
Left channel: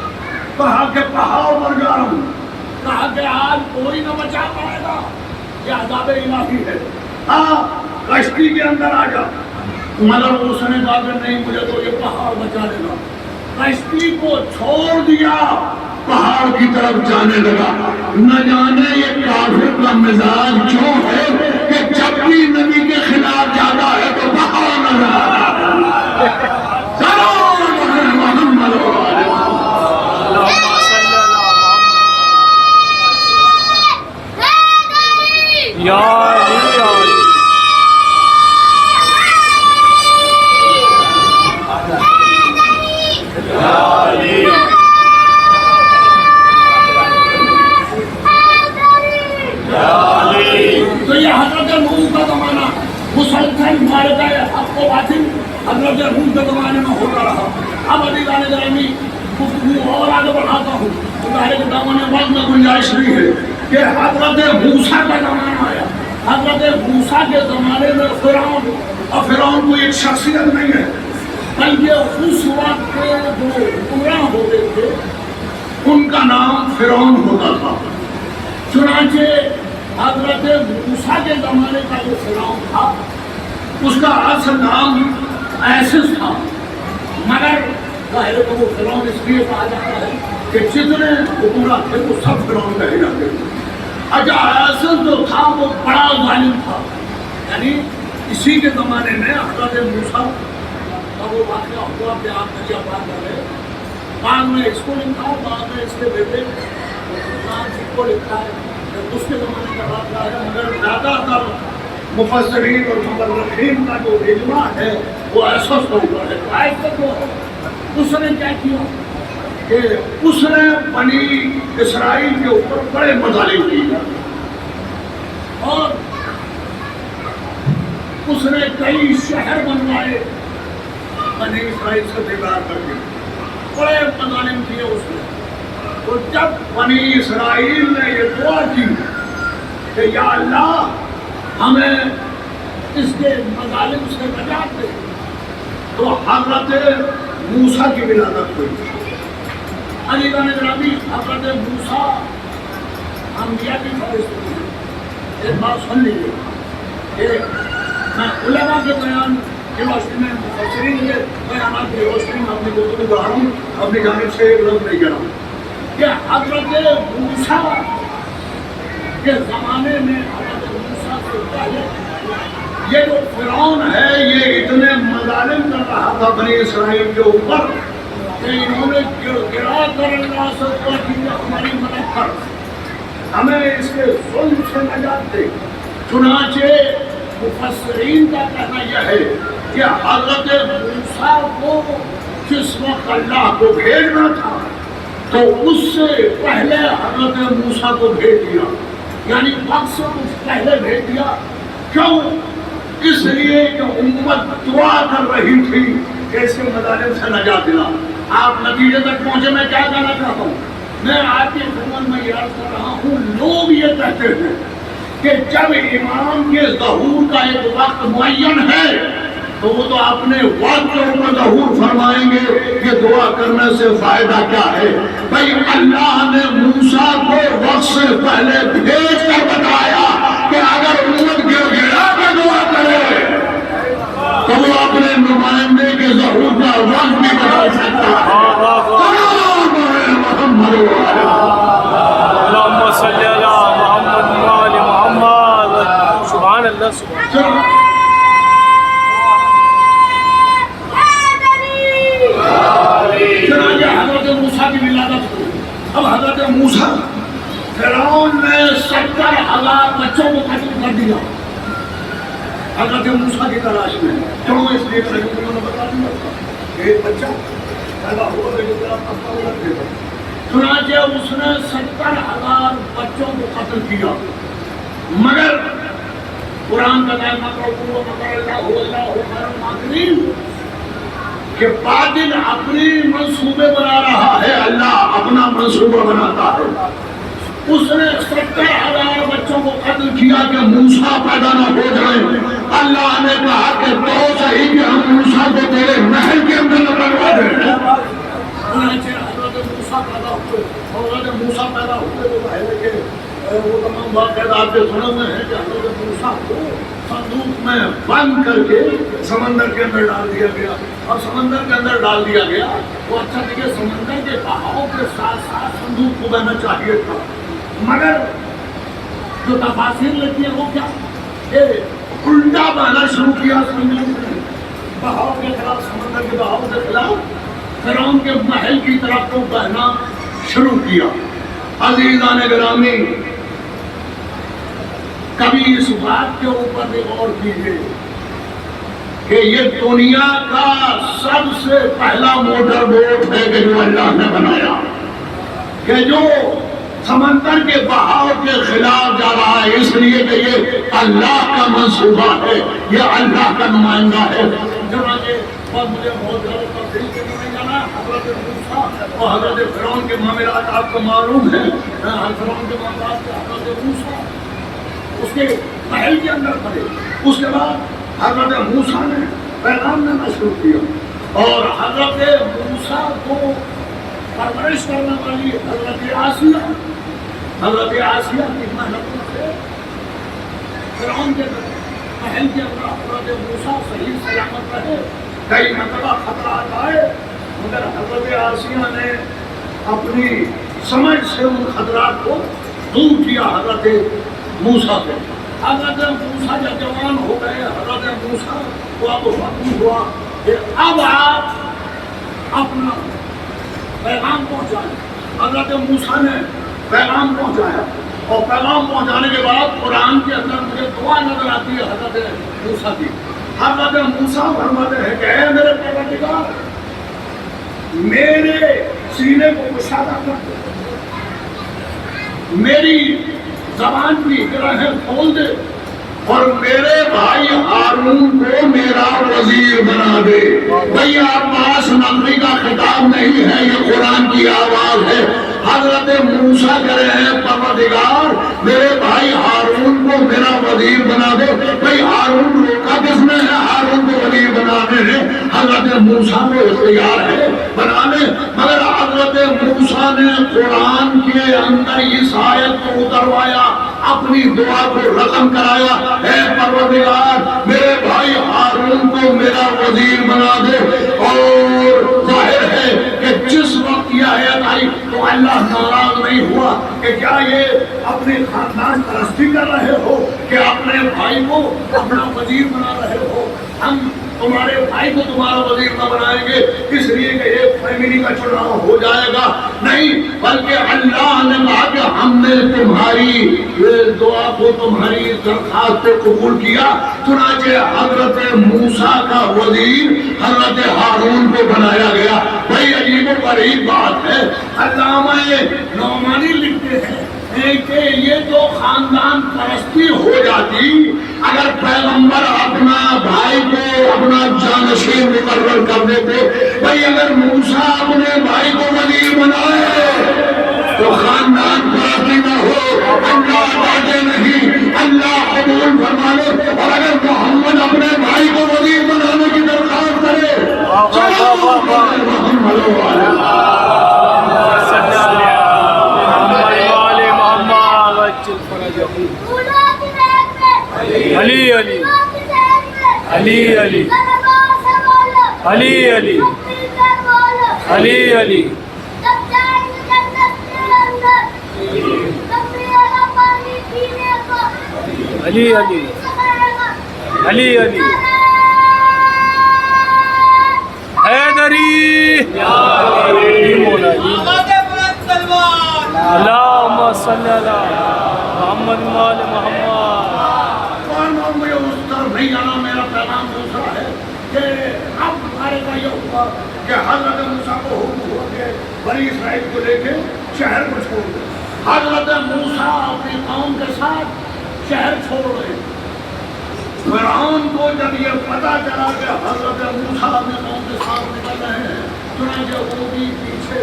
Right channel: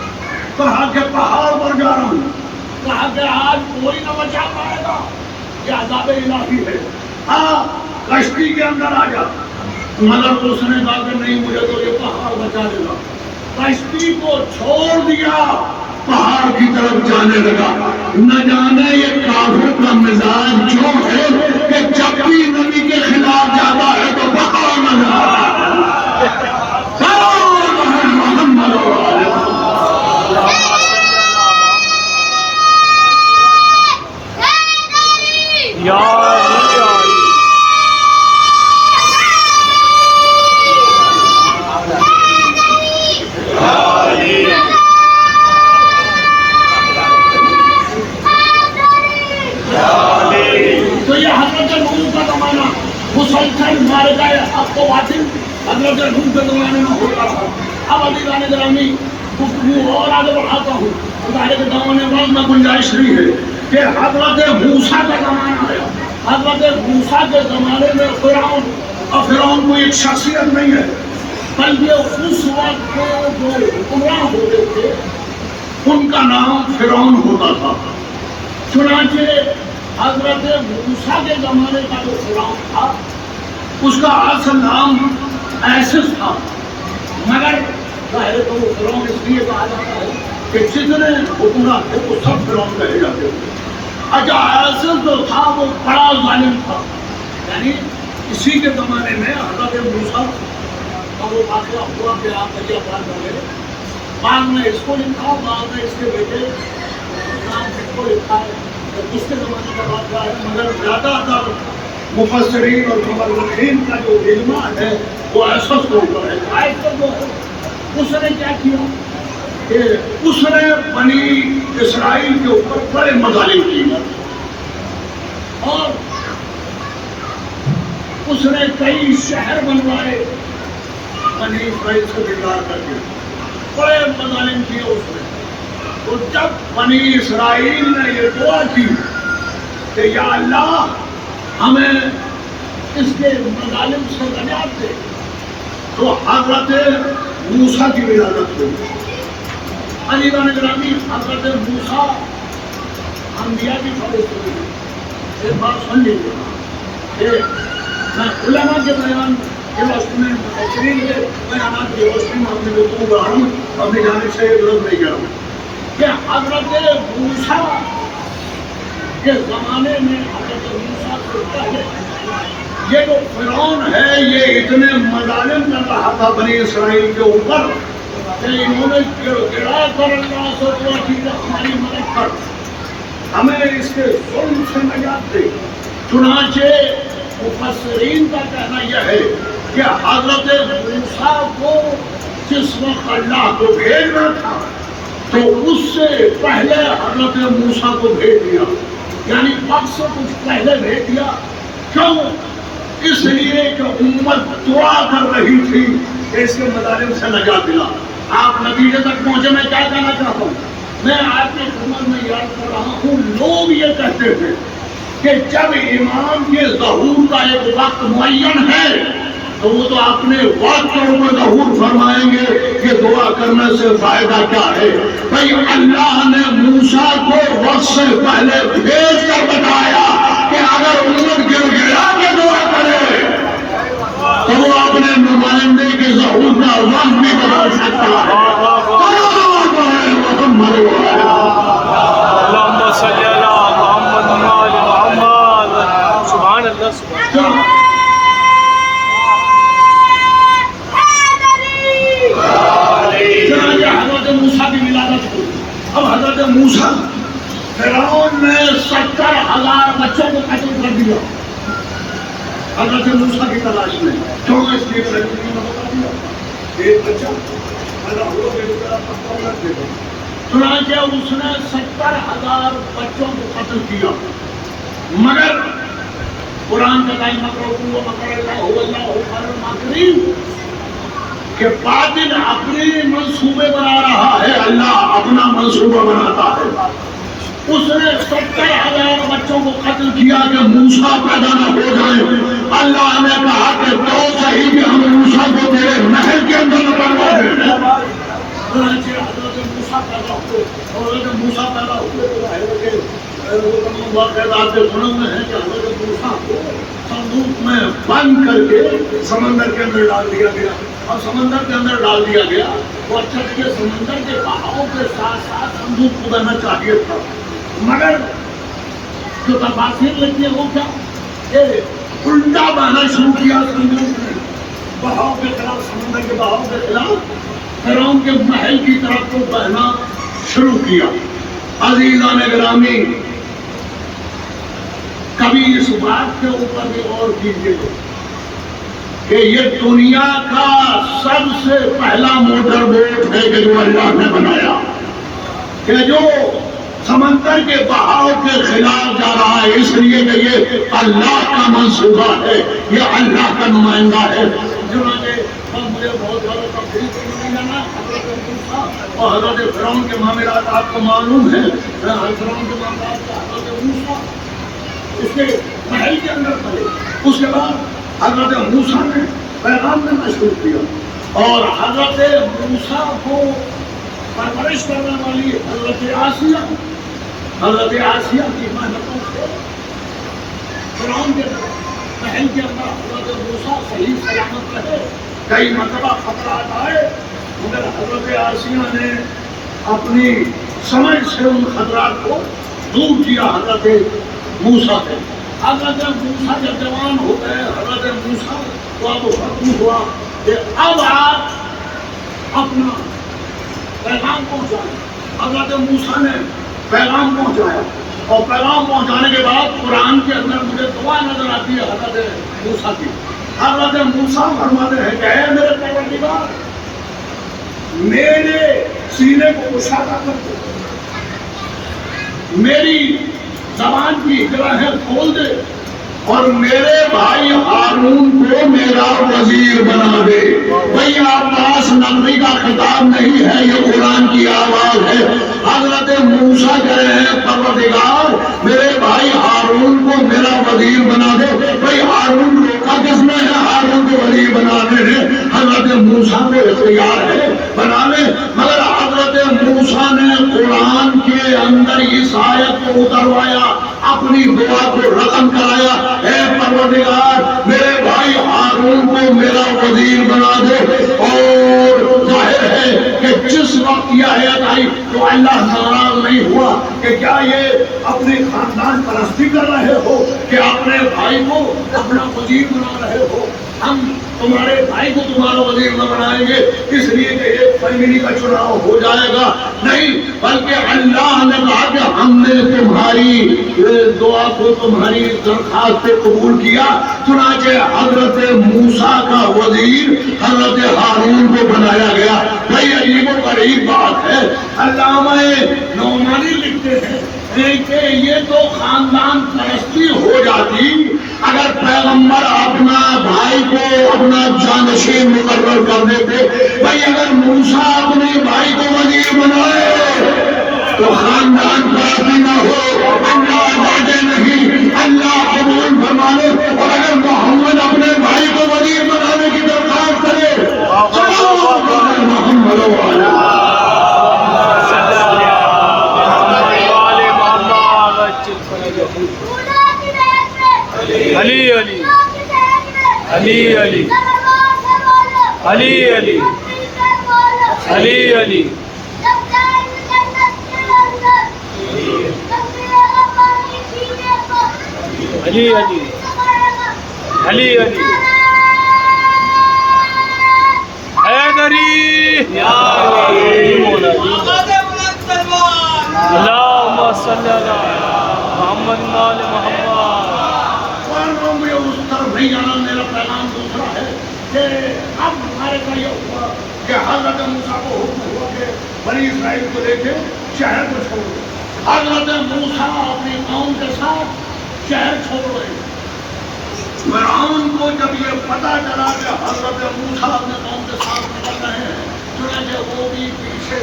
کہا کہ پہاڑ پر جا رہا ہوں. کہا کہ آج کوئی نہ بچا پائے گا، یہ عذاب الہی ہے، ہاں کشتی کے اندر آ جا. مگر اس نے کہا کہ نہیں، مجھے تو یہ پہاڑ بچا لے گا. کشتی کو چھوڑ دیا پہاڑ کی طرف جانے لگا. نہ جانے یہ کافر کا مزاج کیوں ہے کہ جب بھی نبی کے خلاف جاتا ہے تو پہاڑ نظر آتا ہے. محمد یا علی یا علی. تو یہ حضرت نوح کا زمانہ مسلسل مار گئے اب کو باطل حضرت نوح کے زمانے میں ہوتا رہا. اب عزیزان گرامی گفتگو اور آگے بڑھاتا ہوں. ظاہر کے دامن وقت میں گنجائش نہیں ہے کہ حضرت موسیٰ کا زمانہ آیا. حضرت موسیٰ کے زمانے میں فرعون، اور فرعون کوئی ایک شخصیت نہیں ہے بلکہ اس وقت کے جو حکمراں ہو گئے تھے ان کا نام فرعون ہوتا تھا. چنانچہ حضرت موسیٰ کے زمانے کا جو فرعون تھا اس کا اصل نام ایسس تھا، مگر ظاہر ہے کہ وہ فرعون اس لیے کہا جاتا ہے کہ جتنے حکمراں تھے وہ سب فرعون کہے جاتے تھے. اچھا ایسس جو تھا وہ بڑا ظالم تھا. یعنی اسی کے زمانے میں حضرت موسیٰ کا وہ واقعہ ہوا کہ آپ دریا پار کر گئے. بعد میں اس کو لکھا، بعد میں اس کے بیٹے کو لکھا ہے کہ اس کے زمانے کا واقعہ ہے. مگر زیادہ تر مفسرین اور مورخین کا جو اجماع ہے وہ ایسس کے اوپر ہے. ایسس جو ہے اس نے کیا کیا کہ اس نے بنی اسرائیل کے اوپر بڑے مظالم کیے اور اس نے کئی شہر بنوائے بنی اسرائیل سے بگاڑ کر کے. بڑے مظالم کیے اس نے. تو جب بنی اسرائیل نے یہ دعا کی کہ یا اللہ ہمیں اس کے مظالم سے نجات دے تو حضرت موسیٰ کی ولادت ہوئی. عزیزان گرامی حضرت موسیٰ انبیاء کی فہرست ہوئی. ایک بات سن لیجیے کہ میں علماء کے بیان کے روشنی میں مفسرین کے بیانات کی روشنی میں اپنی گفتگو بڑھا رہا ہوں، اپنی جانب سے غلط نہیں کہہ رہا ہوں کہ حضرت موسیٰ کے زمانے میں حضرت موسیٰ سے پہلے یہ جو فرعون ہے یہ اتنے مظالم کر رہا تھا بنی اسرائیل کے اوپر کہ انہوں نے گرا کر اللہ سے دعا کی کہ ہماری مدد کر، ہمیں اس کے ظلم سے نجات دے. چنانچہ مفسرین کا کہنا یہ ہے کہ حضرت موسیٰ کو جس وقت اللہ کو بھیجنا تھا تو اس سے پہلے حضرت موسیٰ کو بھیج دیا. یعنی وقت سے کچھ پہلے بھیج دیا. کیوں؟ اس لیے کہ امت دعا کر رہی تھی کہ اس کے مظالم سے نجات دلا. آپ نتیجے تک پہنچے. میں کیا کہنا چاہتا ہوں، میں آپ کی خدمت میں یاد کر رہا ہوں لوگ یہ کہتے ہیں کہ جب امام کے ظہور کا ایک وقت معین ہے تو وہ تو اپنے وقت پر ظہور فرمائیں گے. یہ دعا کرنے سے فائدہ کیا ہے؟ بھائی اللہ نے موسیٰ کو وقت سے پہلے بھیج کر بتایا کہ اگر امت گر گرا کے دعا کرے تو وہ اپنے نمائندے کے ظہور کا وقت بھی بدل سکتا ہے. اللہم صلی علی محمد و آل محمد. سبحان اللہ سبحان اللہ. حضرت موسیٰ کی ولادت ہوئی. اب حضرت موسیٰ فرعون نے 70,000 بچوں کو قتل کر دیا حضرت موسیٰ کی تلاش میں. کیوں؟ اس لیے کہ انہوں نے بتا دیا ایک بچہ پیدا ہوا چنانچہ اس نے 70,000 بچوں کو قتل کیا. مگر قرآن کا دائمہ کرو اللہ خیر الماکرین کہ باطل اپنی منصوبے بنا رہا ہے، اللہ اپنا منصوبہ بناتا ہے. اس نے 70,000 بچوں کو قتل کیا کہ موسیٰ پیدا نہ ہو جائے. اللہ نے کہا کہ تو صحیح کہ ہم موسیٰ کو تیرے نہر کے اندر اتروا دیں. حضرت موسیٰ پیدا ہوئے اور حضرت موسیٰ پیدا ہوئے تو ظاہر ہے کہ وہ تمام واقعات آپ کے سنے ہوئے ہیں کہ حضرت موسیٰ کو صندوق میں بند کر کے سمندر کے اندر ڈال دیا گیا. اور سمندر کے اندر ڈال دیا گیا وہ اچھا دیکھیے سمندر کے بہاؤ کے ساتھ ساتھ صندوق کو بہنا چاہیے تھا، مگر جو تفاصیر لگتی ہے وہ کیا کہ الٹا بہنا شروع کیا صندوق نے، بہاؤ کے خلاف، سمندر کے بہاؤ کے خلاف فرعون کے محل کی طرف کو بہنا شروع کیا۔ عزیزان گرامی، کبھی اس بات کے اوپر بھی غور کیجیے کہ یہ دنیا کا سب سے پہلا موٹر بوٹ ہے کہ جو اللہ نے بنایا، کہ جو سمندر کے بہاؤ کے خلاف جا رہا ہے، اس لیے کہ یہ اللہ کا منصوبہ ہے، یہ اللہ کا نمائندہ ہے۔ چنانچہ مجھے بہت زیادہ تفصیل سے نہیں جانا، حضرت موسیٰ اور حضرت فرعون کے معاملات آپ کو معلوم ہے، فرعون کے معاملات سے حضرت موسیٰ اس کے محل کے اندر پڑے، اس کے بعد حضرت موسیٰ نے پیغام دینا شروع کیا، اور حضرت موسیٰ کو پرورش کرنے والی حضرت آسیہ کی محنتوں سے فرعون کے محل کے اندر حضرت موسیٰ صحیح سلامت رہے۔ کئی مرتبہ خطرات آئے، مگر حضرت آسیہ نے اپنی سمجھ سے ان خطرات کو دور کیا حضرت موسیٰ سے۔ حضرت موسیٰ جب جوان ہو گئے، حضرت موسیٰ کو اب حکم ہوا کہ اب آپ اپنا پیغام پہنچائیں۔ حضرت موسیٰ نے پیغام پہنچایا، اور پیغام پہنچانے کے بعد قرآن کے اندر مجھے دعا نظر آتی ہے حضرت موسیٰ کی۔ حضرت موسیٰ فرماتے ہیں کہ اے میرے پروردگار، میرے سینے کو کشادہ کر دے، میری زبان کی گرہیں کھول دے، اور میرے بھائی ہارون کو میرا وزیر بنا دے۔ بھئی عباس نقوی کا خطاب نہیں ہے، یہ قرآن کی آواز ہے۔ حضرت موسیٰ کہہ رہے ہیں پروردگار میرے بھائی ہارون کو میرا وزیر بنا دے۔ بھئی ہارون روکا کس نے ہے ہارون کو وزیر بنانے ہے؟ حضرت موسیٰ کو اختیار ہے بنانے، مگر حضرت موسیٰ نے قرآن کے اندر اس آیت کو اتروایا، اپنی دعا کو رقم کرایا، اے پروردگار میرے بھائی ہارون کو میرا وزیر بنا دے۔ اور ظاہر ہے کہ جس وقت یہ آیت آئی تو اللہ ناراض نہیں ہوا کہ کیا یہ اپنے خاندان پرستی کر رہے ہو کہ اپنے بھائی کو اپنا وزیر بنا رہے ہو؟ ہم تمہارے بھائی کو تمہارا وزیر نہ بنائیں گے اس لیے کہ ایک فیملی کا چناؤ ہو جائے گا، نہیں، بلکہ اللہ نے کہا کہ ہم نے تمہاری دعا کو، تمہاری درخواست کو قبول کیا۔ چنانچہ حضرت موسیٰ کا وزیر حضرت ہارون کو بنایا گیا۔ بھائی عجیب و غریب بات ہے، علامہ نعمانی لکھتے ہیں کہ یہ تو خاندان پرستی ہو جاتی اگر پیغمبر اپنا بھائی کو اپنا جانشین مقرر کر دیتے۔ بھائی اگر موسیٰ اپنے بھائی کو وزیر بنائے تو خاندان پرستی نہ ہو، اللہ باتیں نہیں، اللہ قبول فرمانے، اور اگر محمد اپنے بھائی کو وزیر بنانے کی درخواست کرے علی علی علی علی علی علی علی علی علی علی علی علی حیدری اللہم صلی اللہ محمد وآل محمد۔ مجھے اس طرف نہیں جانا، میرا پیغام دوسرا ہے کہ اب ہمارے کا یہ ہوا کہ حضرت موسیٰ کو حکم ہوا کہ بنی اسرائیل کو لے کے شہر کو چھوڑ دو۔ حضرت موسیٰ اپنی قوم کے ساتھ شہر چھوڑ رہے۔ فرعون کو جب یہ پتہ چلا کہ حضرت موسیٰ اپنے قوم کے ساتھ نکل رہے ہیں، چنانچہ وہ بھی پیچھے